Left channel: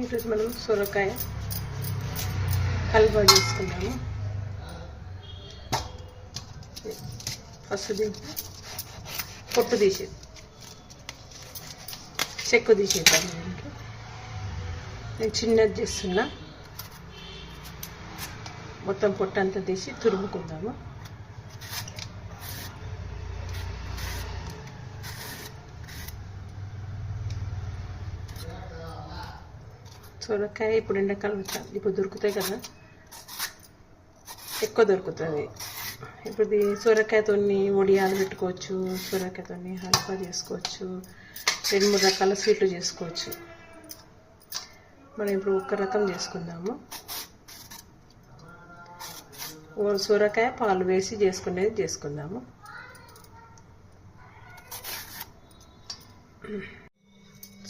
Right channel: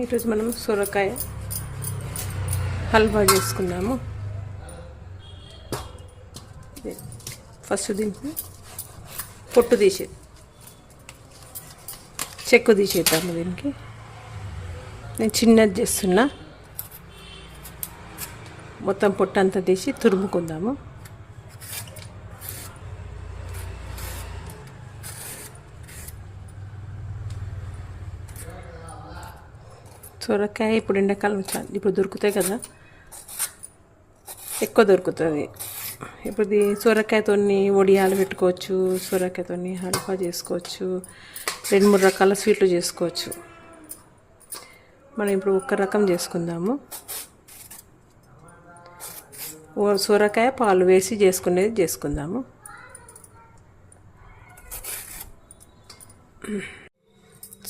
ఈరోజు మనం సొరకాయ హల్వా చేసుకున్నాము. ఫస్ట్ దీనికి పొట్టు తీసేది, చెక్కు తీసేద్దాము. దీనికి నేను చిన్నది చేస్తున్నా. మొత్తం పొట్టు అంతా తీసి తురుముకుందాము. సొరకాయ ఇప్పుడు ఎండాకాలం ఇప్పుడు దొరుకుతాయి కదా, ఎక్కువ దొరుకుతుంది. ఇప్పుడు సొరకాయతో వడియాలు పెట్టుకోవచ్చు, సొరకాయతో హల్వా చేసుకోవచ్చు, 2-3 రకాల స్వీట్లు చేసుకోవచ్చు. మనం ఇప్పుడు ఒక రకం చేసుకుందాము. సొరకాయ పాలు వేసి చేసుకునేది చేసుకుందాము.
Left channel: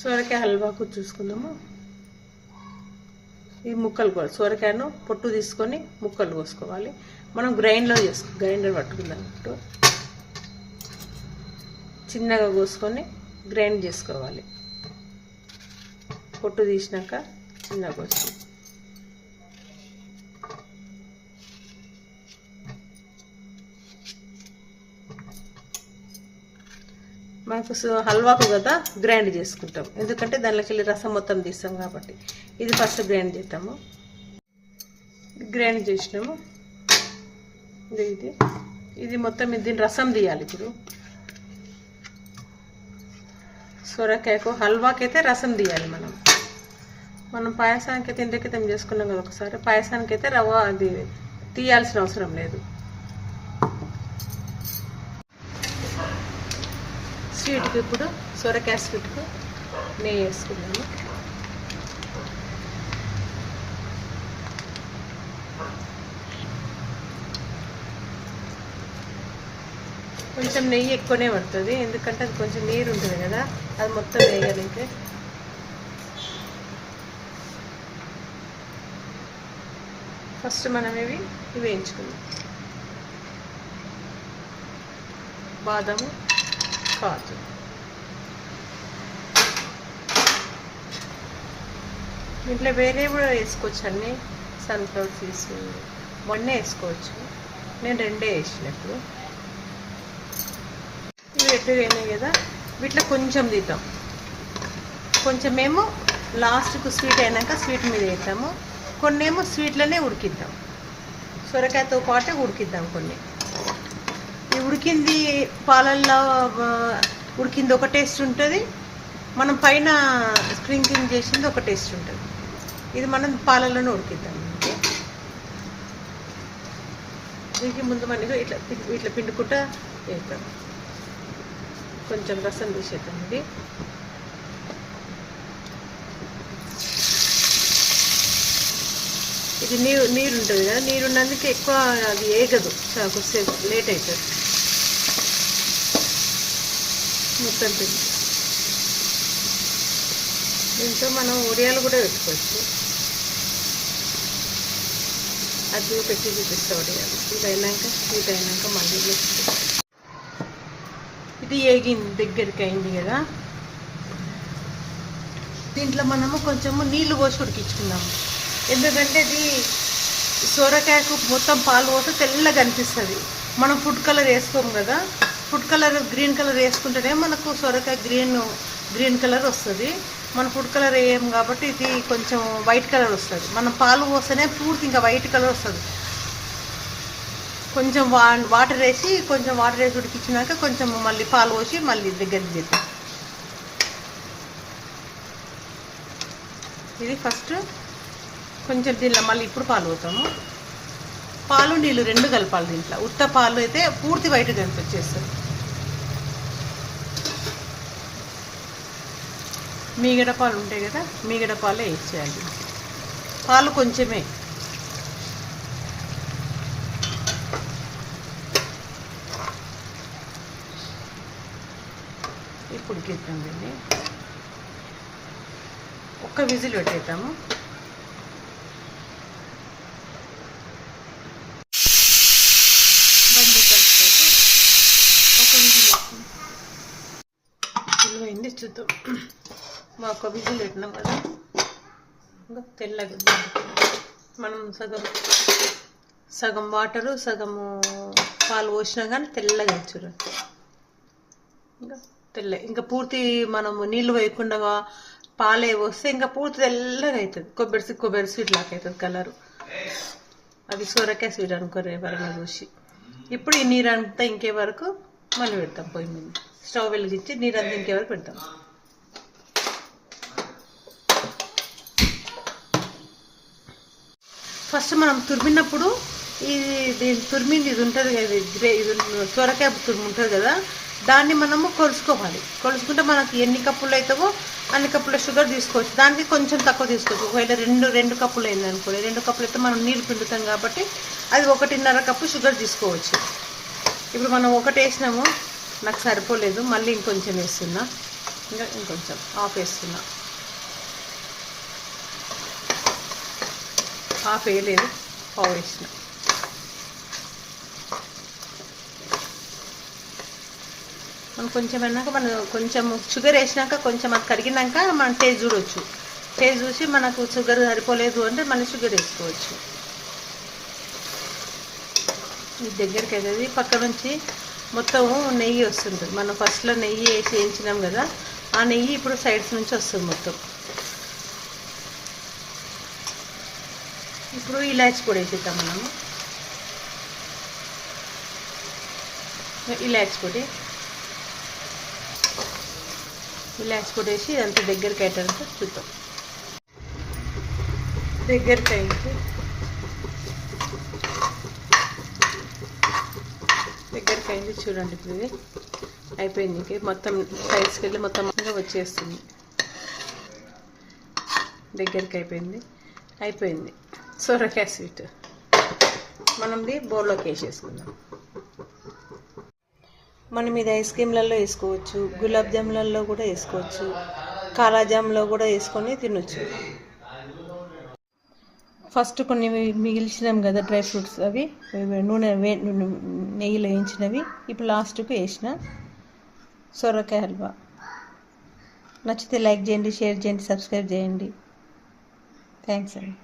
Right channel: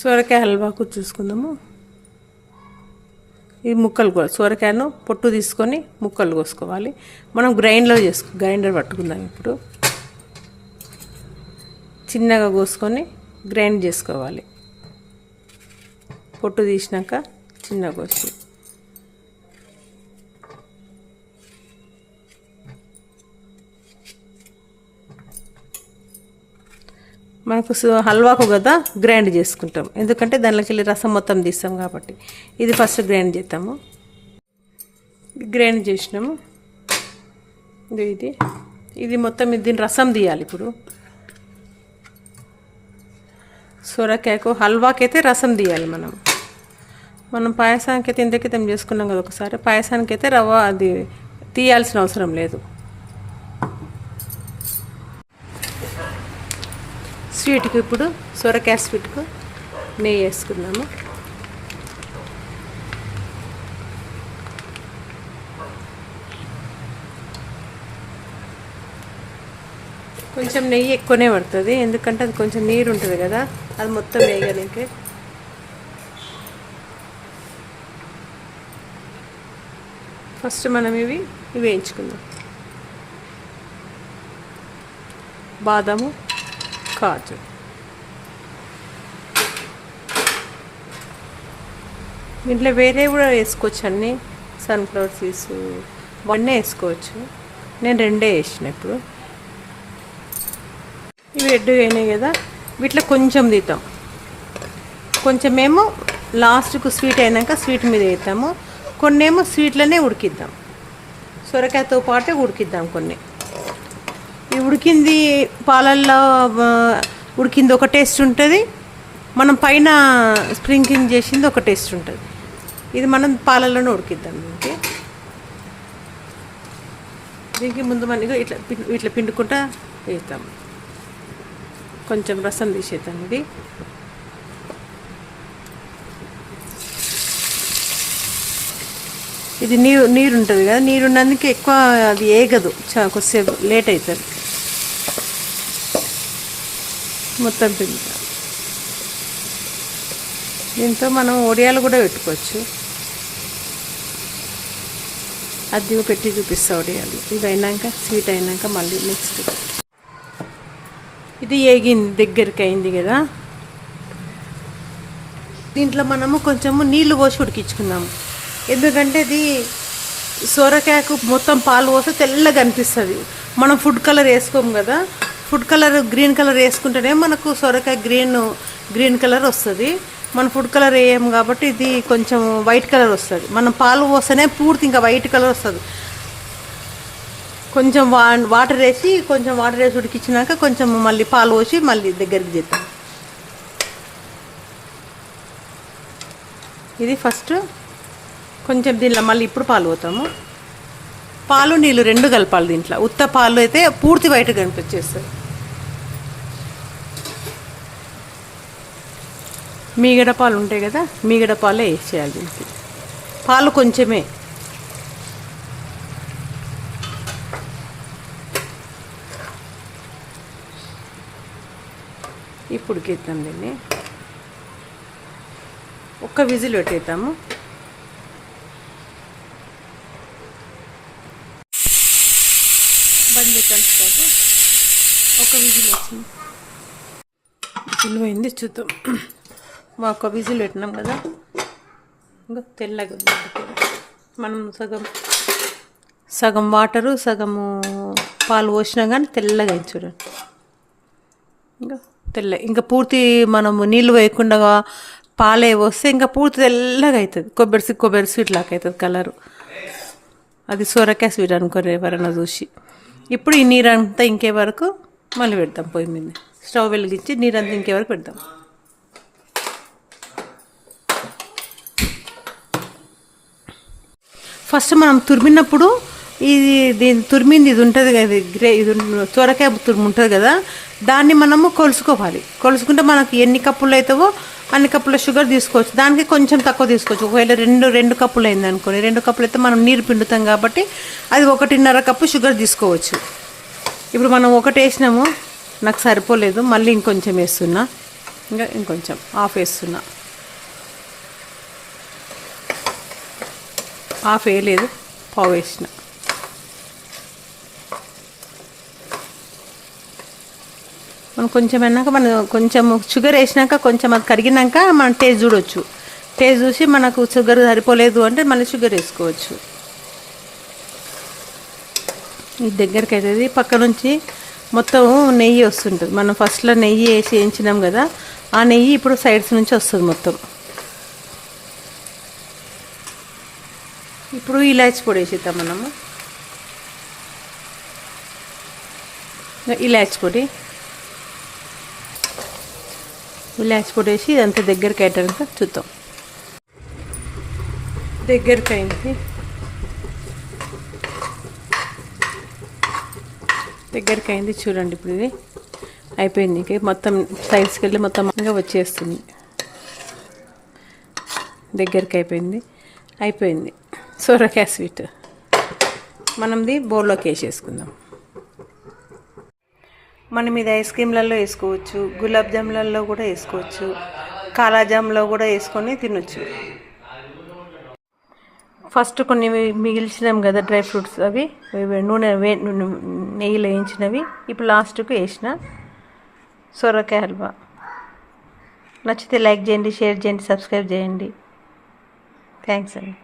సొరకాయ హల్వాకు చూసుకుందాము. ఈ ముక్కలు సొరకాయను పొట్టు తీసుకొని ముక్కలు కోసుకోవాలి. మనం గ్రైండర్ పట్టుకుందాం. ఇప్పుడు చిన్నగా కోసుకొని గ్రైండ్ చేసుకోవాలి. పొట్టు తీసినాక చిన్నగా కోసి మనకు హల్వాకు కదా గ్రైండ్ చేసుకుంటాం, ఎందుకంటే దానిలోకి వెళ్ళి రసం మొత్తం తీస్తాం కాబట్టి. ఇది ఫస్ట్ గ్రైండ్ చేద్దాము. గ్రైండ్ చేసినాము. ఇది మొత్తం దీని రసం తీయాలి. ఇప్పుడు సొరకాయకు హల్వాకైతే రసం తీయాలి. మనం పాయసానికి అయితే ఇంతకితం చేసుకున్నాం కదా ఒకసారి. పాయసానికి అయితే రవ్వ అది తీయాల్సిన అవసరం లేదు. స్వీట్కి ఇప్పుడు సొరకాయ స్వీట్కు నెయ్యి వేసుకున్నాము. కొంచెం నెయ్యి ఎక్కువనే పడుతుంది, ఎందుకంటే అది కొంచెం నీరు ఉంటుంది కదా, అది మొత్తం వేయడానికి. ఫస్ట్ మనం ఇవి వేయించుకుందాం. బాదాము, కాజు, దీంట్లో వేరే కూడా వేసుకోవచ్చు. అన్నీ సన్ఫ్లవర్ సీడ్స్ అవన్నీ వేసుకోవచ్చు. నేను 2 వేసినప్పుడు ఇవి 2 అయినాయి కదా. వీటిలో కొంచెం తీద్దాం. కొంచెమేమో లాస్ట్కు స్వీట్ అయినాక స్వీట్ మీద వేద్దాము. కొన్నేమో స్వీట్లోనే ఉడికిద్దాం. సొరకాయతో పాటే ఉడికిద్దాం. కొన్ని ఈ ఉడికింది పాలల్లో ఉడికింది ఒక టేస్ట్ ఉంటుంది, మనం పైన స్ప్రింకింగ్ చేసింది ఒక టేస్ట్ ఉంటుంది. ఇది మనం పాలల్లోనే ఉడికిద్దాం. దీనికి ముందు మనకి ఇట్లా పిండుకుంటా వేస్తాము. కొంచెం రసం తీసేద్దాం. ఇది నీరు ఉంటుంది కదా, నీరు ఉన్నందుకు ఎక్కువ అది ఏగదు, కొద్దిసేపు లేట్ అవుతుంది. మొత్తం పిండి దీంతో మనం వడియాలు కూడా పెట్టుకోవచ్చు. అది పెట్టి చూపిస్తా వడియాలు. ఇది అయినాక స్వీట్ అయినాక మళ్ళీ నెక్స్ట్ ఇది ఏగింది, దగ్గరికి అయింది కదా. దీంట్లో మనము కొంచెము నీళ్లు పోసి ఉడికించుకుందాము. ఎందుకంటే ఇది సొరకాయకు మొత్తం పాలు పోస్తే తెల్లగా అనిపిస్తుంది. మనం ఫుడ్ కలర్ వేసుకోము కదా, ఫుడ్ కలర్ గ్రీన్ కలర్ వేసుకుంటేనే మనకు సొరకాయ గ్రీన్ కలర్ వస్తుంది. మనం ఫుడ్ కలర్ వేయము కాబట్టి ఇది కొంచెం వైట్ కలర్ వస్తుంది. మనం పాలు పోస్తేనే పూర్తి ఇంకా వైట్ కలర్ వస్తుంది. కొంచెం వాటర్ వేసి ఉడికించినాక కొంచెం మళ్ళీ పాలు పోసి మళ్ళీ దగ్గరికి చేద్దాం. ఇది ఫస్ట్ కొంచెం దీనిలో మళ్ళీ ఇప్పుడు పాలు పోతాము. పాలు నీళ్ళు 2 కలపాలి. దీంట్లో ఉత్త పాలు అయితే పూర్తి వైట్గా కనిపించేస్తుంది. మీగడ పాలు ఉంటాయి కదా, మీగడ పాలే వేసేయాలి. దీనికి పాలు కొంచెమే. ఇప్పుడు ఉడికిద్దాం. దీన్ని ఒక్క విజిల్ పెట్టేద్దాము. బండి కలిసి ఒక విజిల్ వచ్చింది. విలువైంది చూద్దాం. మా ఒక విజిల్ పెట్టినాం కదా, ఇంకా తెల్లగా మనం సగం వాటరు సగము పాలు పోసినా కానీ తెల్లగా అయింది చూడండి. ఇంకా పూర్తి మనము నీళ్ళు వేయకుండా పాలే వస్తే ఇంకా పూర్తి తెల్లగా అవుతుంది. కొబ్బరి స్వీట్ లాగా అవుతుంది కలరు. అది సొరకాయ స్వీట్ అనుకోరు ఎవరైనా చూసి. ఇప్పుడు ఈ నీరంతా ఇంకే వరకు మళ్ళీ పెడతాం పొయ్యి మీద. స్టవ్ వెలిగించి నీరంతా ఇంకే వరకు పెడతాం. ఫస్ట్ మనం తురిమినప్పుడు తురిమింది ఇది ఉంటుంది కదా, ఇది సొరకాయ తురుము ఉంటుంది కదా, దాన్ని మనము కొలుసుకోవాలి. కొలుసుకుంటే మనకి ఎన్ని కప్పులు అవుతావో అన్ని కప్పుల షుగర్ తీసుకోవచ్చు. దానికి కొంచెం తక్కువ తీసుకోవచ్చు. ఒకవేళ రెండు కప్పులు అయింది అనుకోండి, 2 కప్పులు అయితే మనం నీరు పిండుతాం కాబట్టి అది 1.5 కప్పు షుగర్ తీసుకోవచ్చు. ఇప్పుడు మనం ఒకటి వేసినాము, నాకు సరిపోలేదు, మళ్ళీ ఇంకొంచెం వేస్తున్నా. ఇంకొంచెం హాఫ్ వేస్తున్నా. హాఫ్ వేయలేదు, పావు వేసిన. మనం కొంచెం అన్నాక కొంచెం షుగర్ వేసినాక కొంచెం అది కరిగినాక మనం టేస్ట్ చూడవచ్చు. టేస్ట్ చూసి మనకు షుగర్ సరిపోలేదు అంటే మళ్ళీ షుగర్ వేసుకోవచ్చు. ఈ దగ్గరికి అవుతుంది. పక్క నుంచి మొత్తం నెయ్యి వస్తుంటుంది. మనం ఫస్ట్లో నెయ్యి వేసి వేయించినాం కదా, ఆ నెయ్యి ఇప్పుడు సైడ్స్ నుంచి వస్తుంది మొత్తం. ఇప్పుడు ఇలాచి పొడి వేసిద్దాం మనము. ఇలాచి పొడి వేసి ఇదంతా దగ్గరికి అయ్యాక చూద్దాం. దగ్గరికి అయింది చూడండి. ఇప్పుడు ఇది అయిపోయింది. మొత్తం సైడ్స్కి వెళ్ళి మొత్తం వచ్చేస్తుంది. దగ్గరికి అయిపోయింది సొరకాయ స్వీట్. మనది బౌల్లోకి వేసేసుకుందాం. మనం ఇది ఐస్ క్రీమ్లలో వేసుకోవచ్చు, గులాబ్ జాములలో కూడా వేసుకోవచ్చు, కాలాజామ్లో కూడా వేసుకొని తినొచ్చు. ఫస్ట్ కొన్ని మిగిల్చినాం కదా డ్రై ఫ్రూట్స్, అవి నెయ్యిలో వేయించినవి ఇప్పుడు లాస్ట్కు వేసిన సొరకాయ హల్వా. నచ్చితే లైక్ చేయండి, షేర్ చేయండి, సబ్స్క్రైబ్ చేయండి. థ్యాంక్స్ అండి.